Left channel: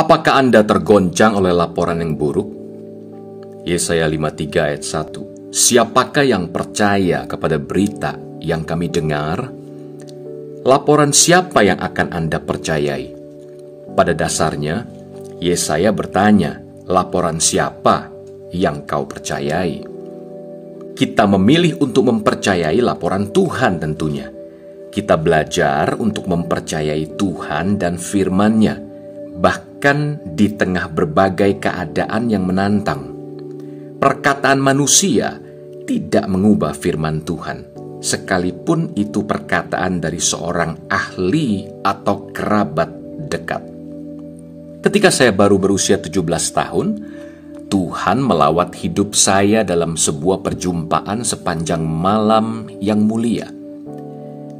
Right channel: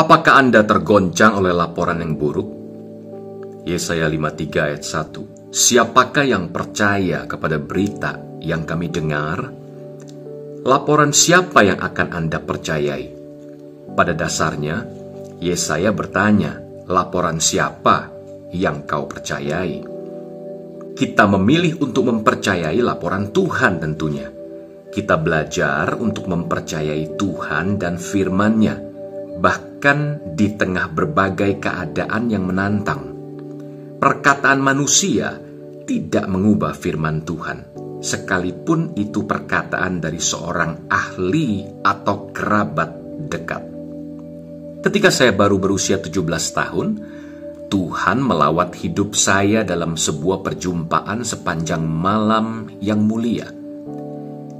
Apakah Anda tergoncang oleh laporan yang buruk? Yesaya 53 ayat 1. Siapakah yang percaya kepada berita yang kami dengar? Laporan siapa yang akan Anda percayai? Pada dasarnya, Yesaya bertanya, laporan siapa yang kau percayai? Kita memilih untuk mempercayai laporan Tuhan tentunya. Kita belajar untuk mempercayai Tuhan dan firman-Nya, bahkan di tengah berbagai keadaan yang menantang. Perkataan manusia tidak mengubah firman Tuhan, sekalipun itu perkataan dari seorang ahli atau kerabat dekat. Ketika saya baru berusia 17 tahun, Tuhan melawat hidup saya dalam sebuah perjumpaan sepanjang malam yang mulia.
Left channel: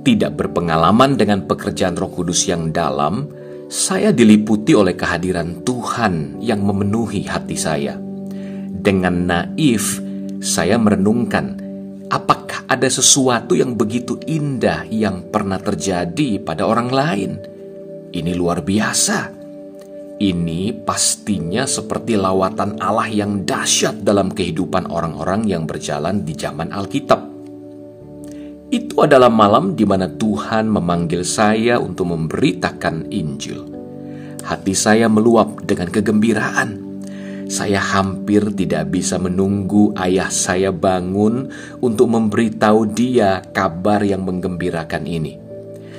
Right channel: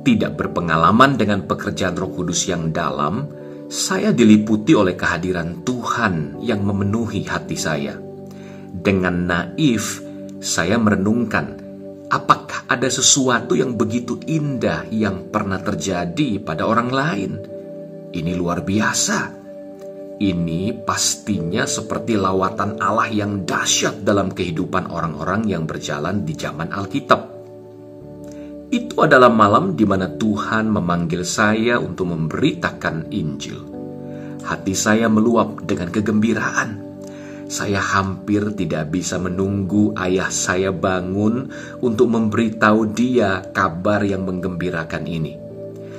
Tidak berpengalaman dengan pekerjaan Roh Kudus yang dalam, saya diliputi oleh kehadiran Tuhan yang memenuhi hati saya. Dengan naif, saya merenungkan, apakah ada sesuatu yang begitu indah yang pernah terjadi pada orang lain? Ini luar biasa. Ini pastinya seperti lawatan Allah yang dahsyat dalam kehidupan orang-orang yang berjalan di zaman Alkitab. Itu adalah malam di mana Tuhan memanggil saya untuk memberitakan Injil. Hati saya meluap dengan kegembiraan. Saya hampir tidak bisa menunggu ayah saya bangun untuk memberitahu dia kabar yang menggembirakan ini.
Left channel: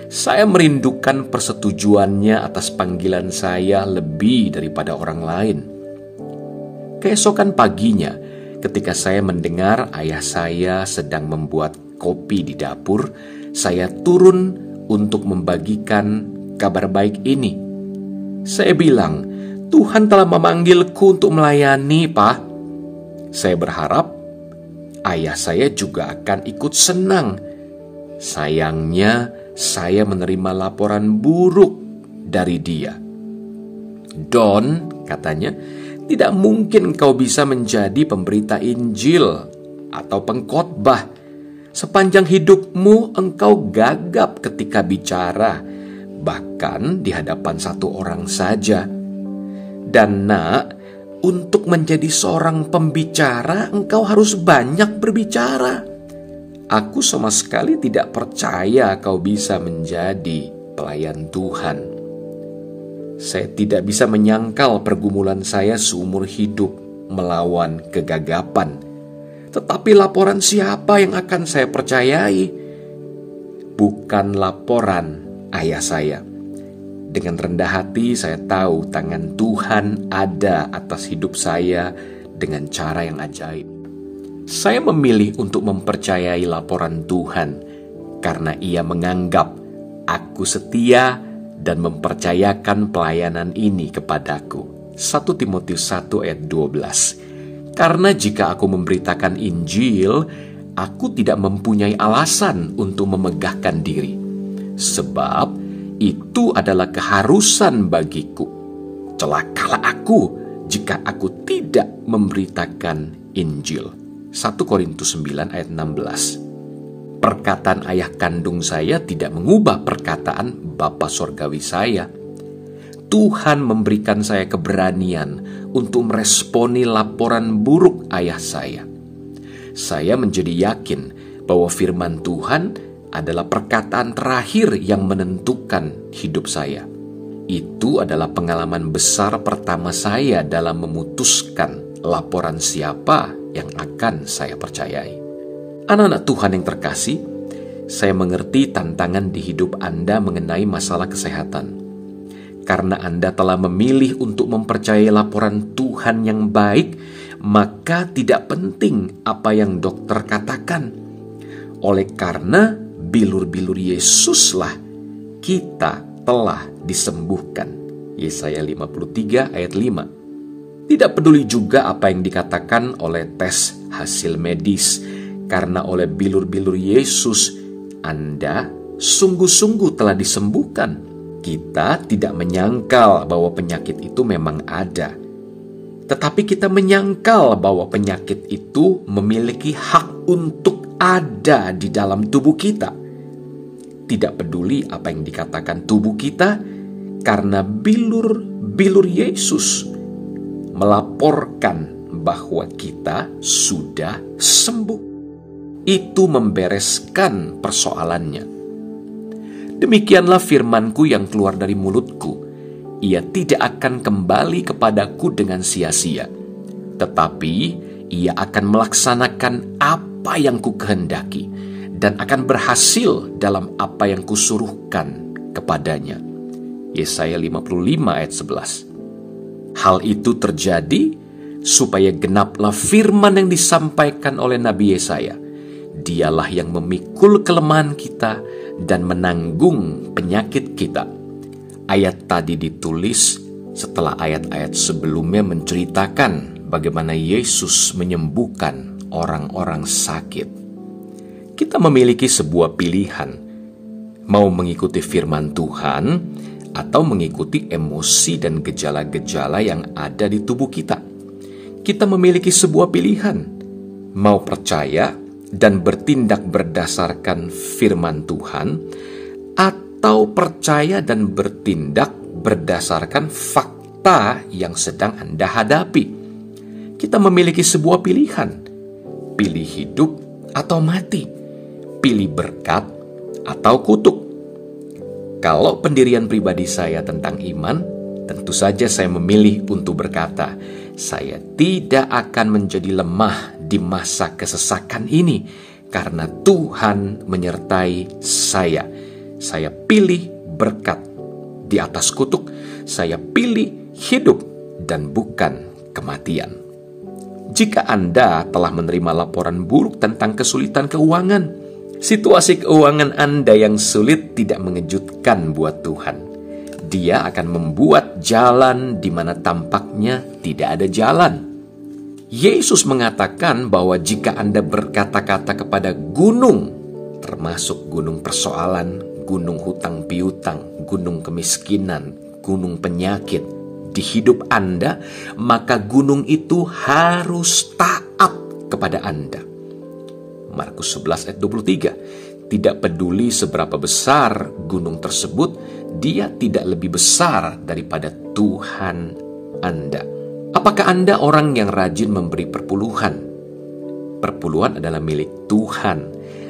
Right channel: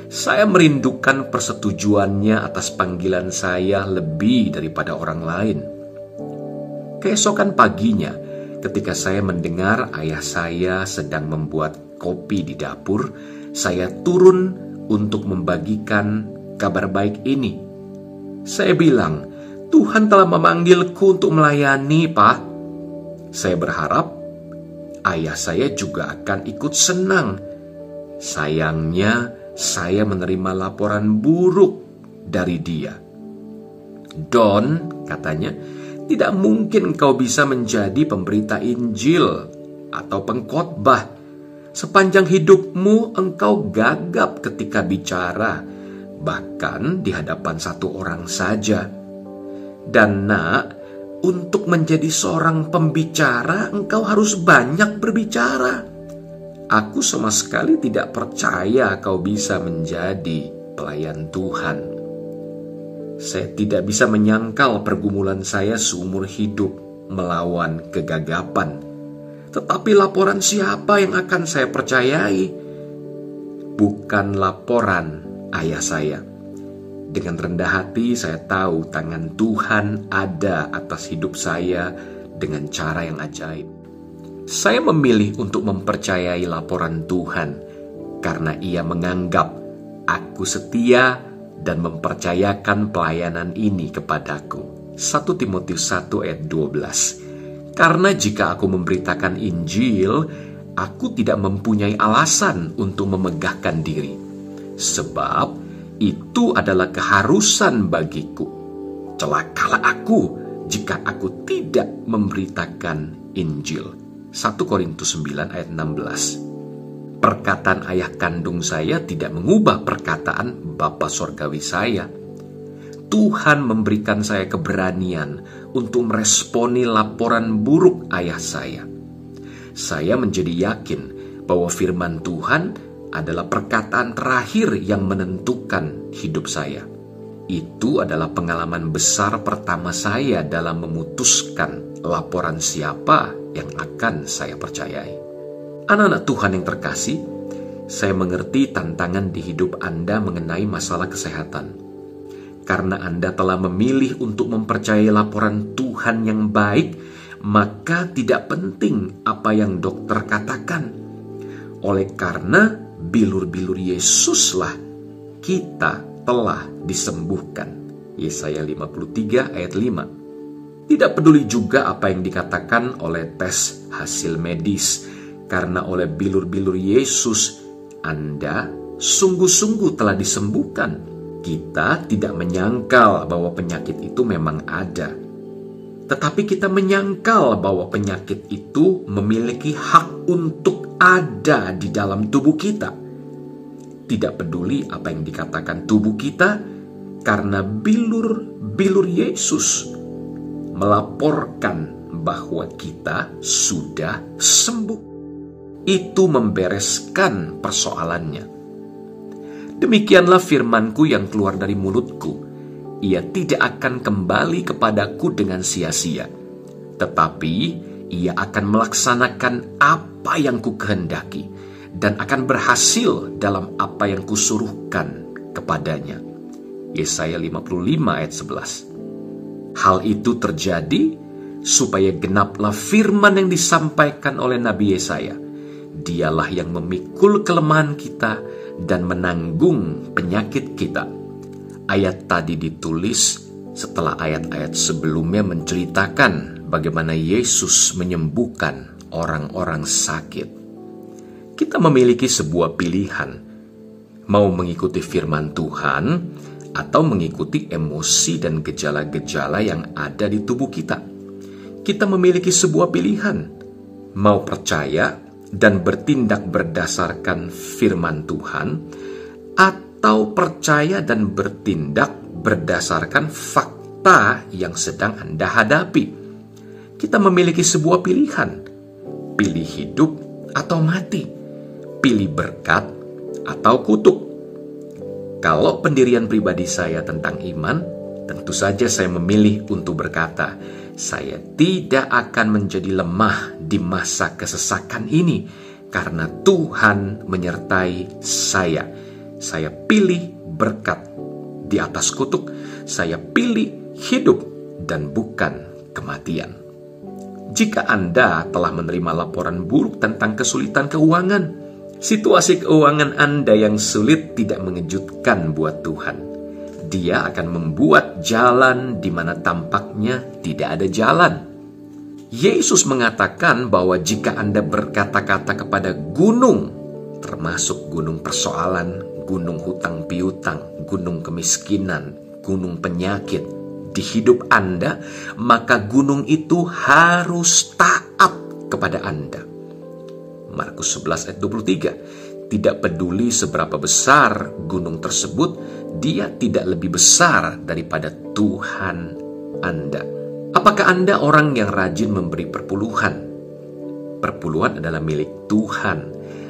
Saya merindukan persetujuannya atas panggilan saya lebih daripada orang lain. Keesokan paginya, ketika saya mendengar ayah saya sedang membuat kopi di dapur, saya turun untuk membagikan kabar baik ini. Saya bilang, Tuhan telah memanggilku untuk melayani, Pak. Saya berharap ayah saya juga akan ikut senang. Sayangnya, saya menerima laporan buruk dari dia. Don, katanya, tidak mungkin kau bisa menjadi pemberita Injil atau pengkhotbah. Sepanjang hidupmu engkau gagap ketika bicara, bahkan di hadapan satu orang saja. Dan nak, untuk menjadi seorang pembicara, engkau harus banyak berbicara. Aku sama sekali tidak percaya kau bisa menjadi pelayan Tuhan. Saya tidak bisa menyangkal pergumulan saya seumur hidup melawan kegagapan. Tetapi laporan siapa yang akan saya percayai? Bukan laporan ayah saya. Dengan rendah hati saya tahu tangan Tuhan ada atas hidup saya dengan cara yang ajaib. Saya memilih untuk mempercayai laporan Tuhan karena Ia menganggap aku setia dan mempercayakan pelayanan ini kepadaku. 1 Timotius 1 ayat 12. Karena jika aku memberitakan Injil, aku tidak mempunyai alasan untuk memegahkan diri. Sebab itu adalah keharusan bagiku. Celakalah aku jika aku tidak memberitakan Injil. 1 Korintus 9 ayat 16. Perkataan ayah kandung saya tidak mengubah perkataan Bapa Sorgawi saya. Tuhan memberikan saya keberanian untuk meresponi laporan buruk ayah saya. Saya menjadi yakin bahwa firman Tuhan adalah perkataan terakhir yang menentukan hidup saya. Itu adalah pengalaman besar pertama saya dalam memutuskan laporan siapa yang akan saya percayai. Anak-anak Tuhan yang terkasih, saya mengerti tantangan di hidup Anda mengenai masalah kesehatan. Karena Anda telah memilih untuk mempercayai laporan Tuhan yang baik, maka tidak penting apa yang dokter katakan. Oleh karena bilur-bilur Yesuslah kita telah disembuhkan. Yesaya 53 ayat 5. Tidak peduli juga apa yang dikatakan oleh tes hasil medis, karena oleh bilur-bilur Yesus Anda sungguh-sungguh telah disembuhkan. Kita tidak menyangkal bahwa penyakit itu memang ada. Tetapi kita menyangkal bahwa penyakit itu memiliki hak untuk ada di dalam tubuh kita. Tidak peduli apa yang dikatakan tubuh kita, karena bilur bilur Yesus melaporkan bahwa kita sudah sembuh. Itu membereskan persoalannya. Demikianlah firmanku yang keluar dari mulutku. Ia tidak akan kembali kepadaku dengan sia-sia, tetapi ia akan melaksanakan apa yang kukehendaki dan akan berhasil dalam apa yang kusuruhkan kepadanya. Yesaya 55 ayat 11. Hal itu terjadi supaya genaplah firman yang disampaikan oleh Nabi Yesaya. Dialah yang memikul kelemahan kita dan menanggung penyakit kita. Ayat tadi ditulis setelah ayat-ayat sebelumnya menceritakan bagaimana Yesus menyembuhkan orang-orang sakit. Kita memiliki sebuah pilihan, mau mengikuti firman Tuhan atau mengikuti emosi dan gejala-gejala yang ada di tubuh kita. Kita memiliki sebuah pilihan, mau percaya dan bertindak berdasarkan firman Tuhan, atau percaya dan bertindak berdasarkan fakta yang sedang Anda hadapi. Kita memiliki sebuah pilihan, pilih hidup atau mati, pilih berkat atau kutuk. Kalau pendirian pribadi saya tentang iman, tentu saja saya memilih untuk berkata, saya tidak akan menjadi lemah di masa kesesakan ini, karena Tuhan menyertai saya. Saya pilih berkat di atas kutuk. Saya pilih hidup dan bukan kematian. Jika Anda telah menerima laporan buruk tentang kesulitan keuangan, situasi keuangan Anda yang sulit tidak mengejutkan buat Tuhan. Dia akan membuat jalan di mana tampaknya tidak ada jalan. Yesus mengatakan bahwa jika Anda berkata-kata kepada gunung, termasuk gunung persoalan, gunung hutang piutang, gunung kemiskinan, gunung penyakit di hidup Anda, maka gunung itu harus taat kepada Anda. Markus 11 ayat 23. Tidak peduli seberapa besar gunung tersebut, dia tidak lebih besar daripada Tuhan Anda. Apakah Anda orang yang rajin memberi perpuluhan? Perpuluhan adalah milik Tuhan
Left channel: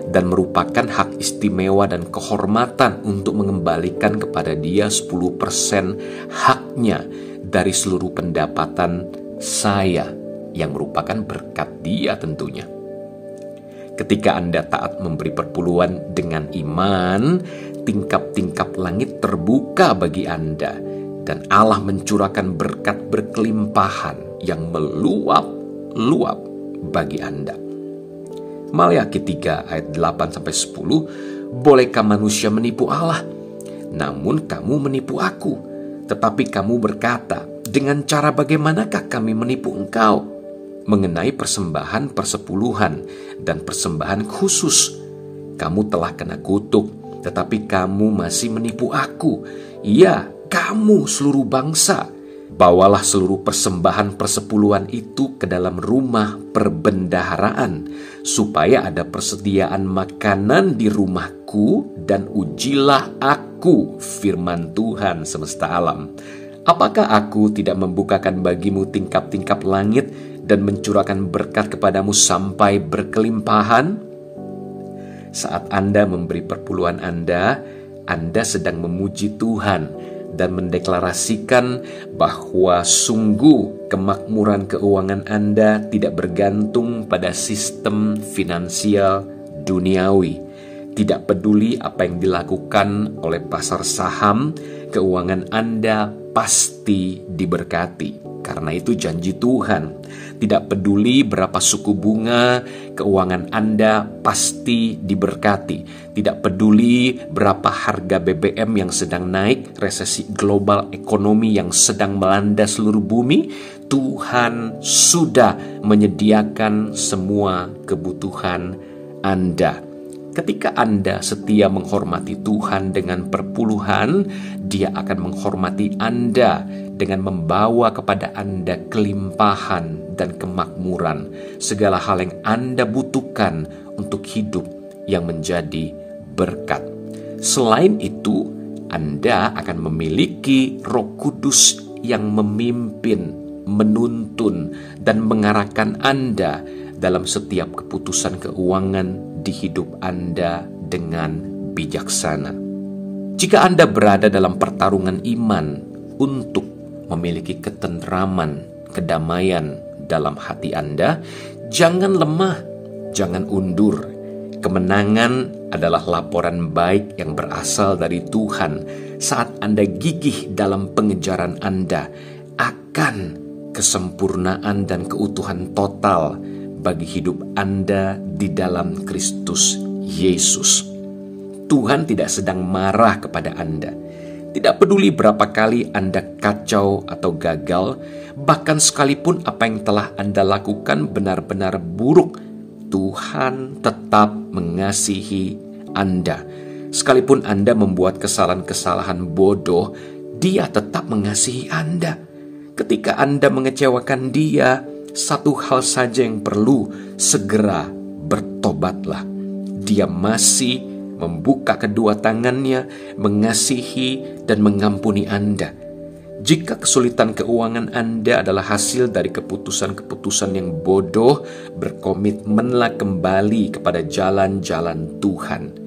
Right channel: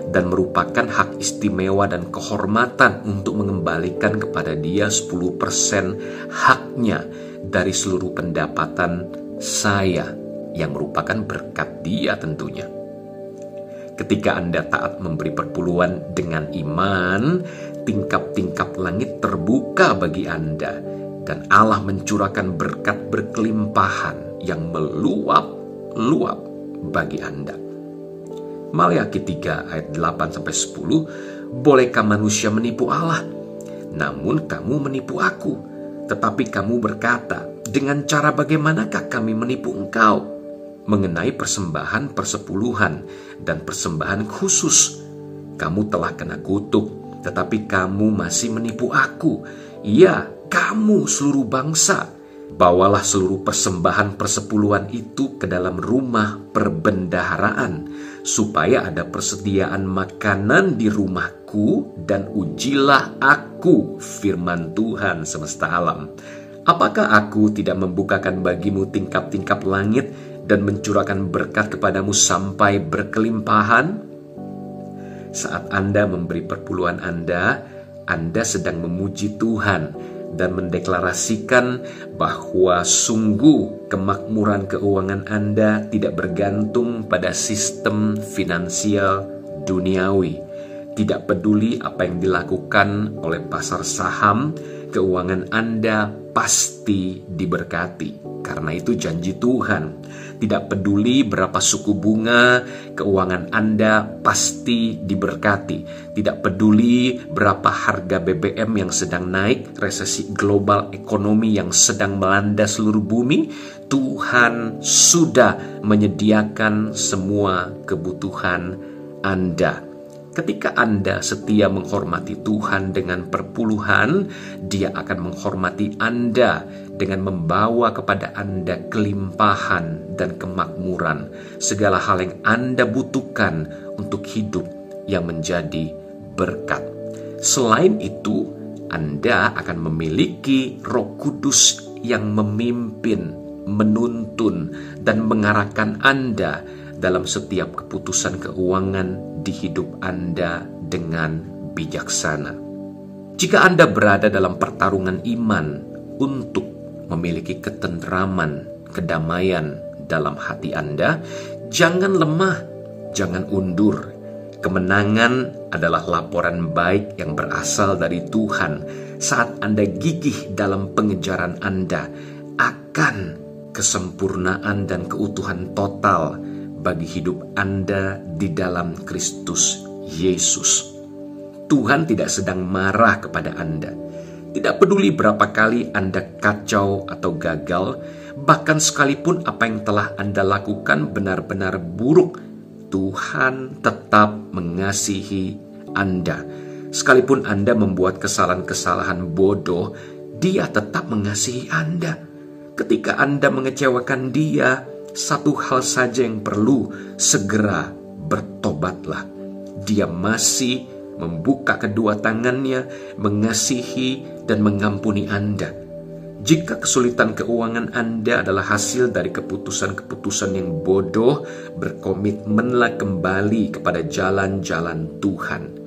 dan merupakan hak istimewa dan kehormatan untuk mengembalikan kepada Dia 10% haknya dari seluruh pendapatan saya, yang merupakan berkat Dia tentunya. Ketika Anda taat memberi perpuluhan dengan iman, tingkap-tingkap langit terbuka bagi Anda, dan Allah mencurahkan berkat berkelimpahan yang meluap-luap bagi Anda. Maleakhi 3 ayat 8-10, bolehkah manusia menipu Allah? Namun kamu menipu aku. Tetapi kamu berkata, dengan cara bagaimanakah kami menipu engkau? Mengenai persembahan persepuluhan dan persembahan khusus. Kamu telah kena kutuk, tetapi kamu masih menipu aku. Ya, kamu seluruh bangsa. Bawalah seluruh persembahan persepuluhan itu ke dalam rumah perbendaharaan, supaya ada persediaan makanan di rumahku, dan ujilah aku, firman Tuhan semesta alam. Apakah aku tidak membukakan bagimu tingkap-tingkap langit dan mencurahkan berkat kepadamu sampai berkelimpahan? Saat Anda memberi perpuluhan Anda sedang memuji Tuhan dan mendeklarasikan bahwa sungguh kemakmuran keuangan Anda tidak bergantung pada sistem finansial duniawi. Tidak peduli apa yang dilakukan oleh pasar saham, keuangan Anda pasti diberkati. Karena itu janji Tuhan. Tidak peduli berapa suku bunga, keuangan Anda pasti diberkati. Tidak peduli berapa harga BBM yang sedang naik, resesi global ekonomi yang sedang melanda seluruh bumi, Tuhan sudah menyediakan semua kebutuhan Anda. Ketika Anda setia menghormati Tuhan dengan perpuluhan, Dia akan menghormati Anda dengan membawa kepada Anda kelimpahan dan kemakmuran, segala hal yang Anda butuhkan untuk hidup yang menjadi berkat. Selain itu, Anda akan memiliki Roh Kudus yang memimpin, menuntun, dan mengarahkan Anda dalam setiap keputusan keuangan di hidup Anda dengan bijaksana. Jika Anda berada dalam pertarungan iman untuk memiliki ketentraman, kedamaian dalam hati Anda, jangan lemah, jangan undur. Kemenangan adalah laporan baik yang berasal dari Tuhan saat Anda gigih dalam pengejaran Anda akan kesempurnaan dan keutuhan total bagi hidup Anda di dalam Kristus Yesus. Tuhan tidak sedang marah kepada Anda. Tidak peduli berapa kali Anda kacau atau gagal, bahkan sekalipun apa yang telah Anda lakukan benar-benar buruk, Tuhan tetap mengasihi Anda. Sekalipun Anda membuat kesalahan-kesalahan bodoh, Dia tetap mengasihi Anda. Ketika Anda mengecewakan Dia, satu hal saja yang perlu, segera bertobatlah. Dia masih membuka kedua tangannya, mengasihi dan mengampuni Anda. Jika kesulitan keuangan Anda adalah hasil dari keputusan-keputusan yang bodoh, berkomitmenlah kembali kepada jalan-jalan Tuhan.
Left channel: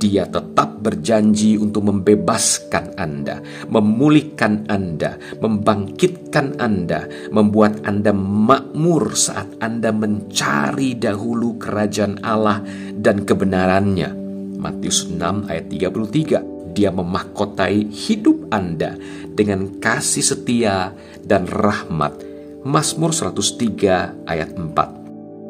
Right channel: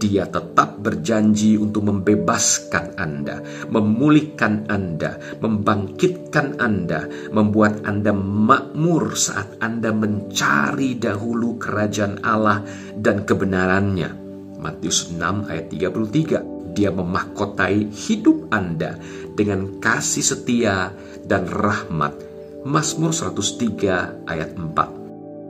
Dia tetap berjanji untuk membebaskan Anda, memulihkan Anda, membangkitkan Anda, membuat Anda makmur saat Anda mencari dahulu kerajaan Allah dan kebenarannya. Matius 6 ayat 33. Dia memahkotai hidup Anda dengan kasih setia dan rahmat. Mazmur 103 ayat 4.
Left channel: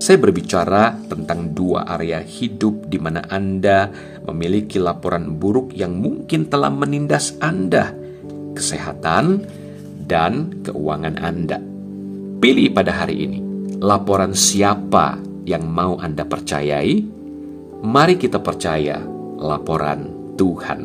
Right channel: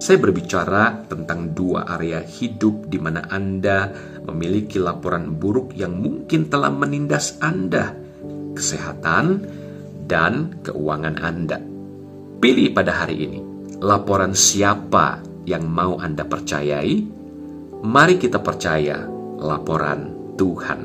Saya berbicara tentang dua area hidup di mana Anda memiliki laporan buruk yang mungkin telah menindas Anda, kesehatan dan keuangan Anda. Pilih pada hari ini, laporan siapa yang mau Anda percayai? Mari kita percaya laporan Tuhan.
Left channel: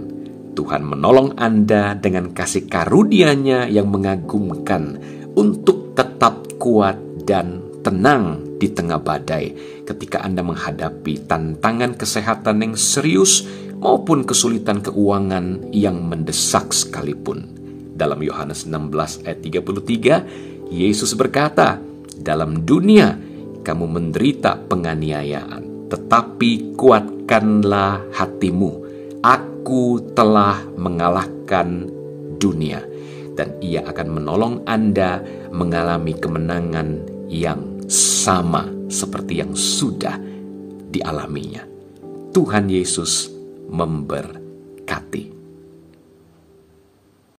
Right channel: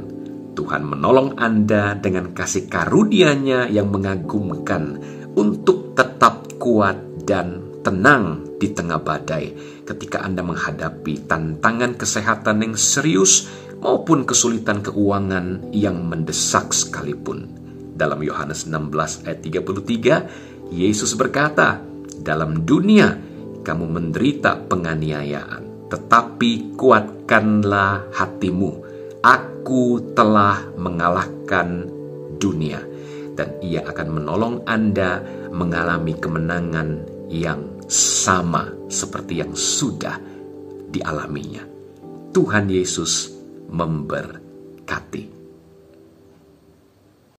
Tuhan menolong Anda dengan kasih karunia-Nya yang mengagumkan untuk tetap kuat dan tenang di tengah badai ketika Anda menghadapi tantangan kesehatan yang serius maupun kesulitan keuangan yang mendesak sekalipun. Dalam Yohanes 16 ayat 33, Yesus berkata, "Dalam dunia kamu menderita penganiayaan, tetapi kuatkanlah hatimu. Aku telah mengalahkan dunia." Dan Ia akan menolong Anda mengalami kemenangan yang sama seperti yang sudah dialaminya. Tuhan Yesus memberkati.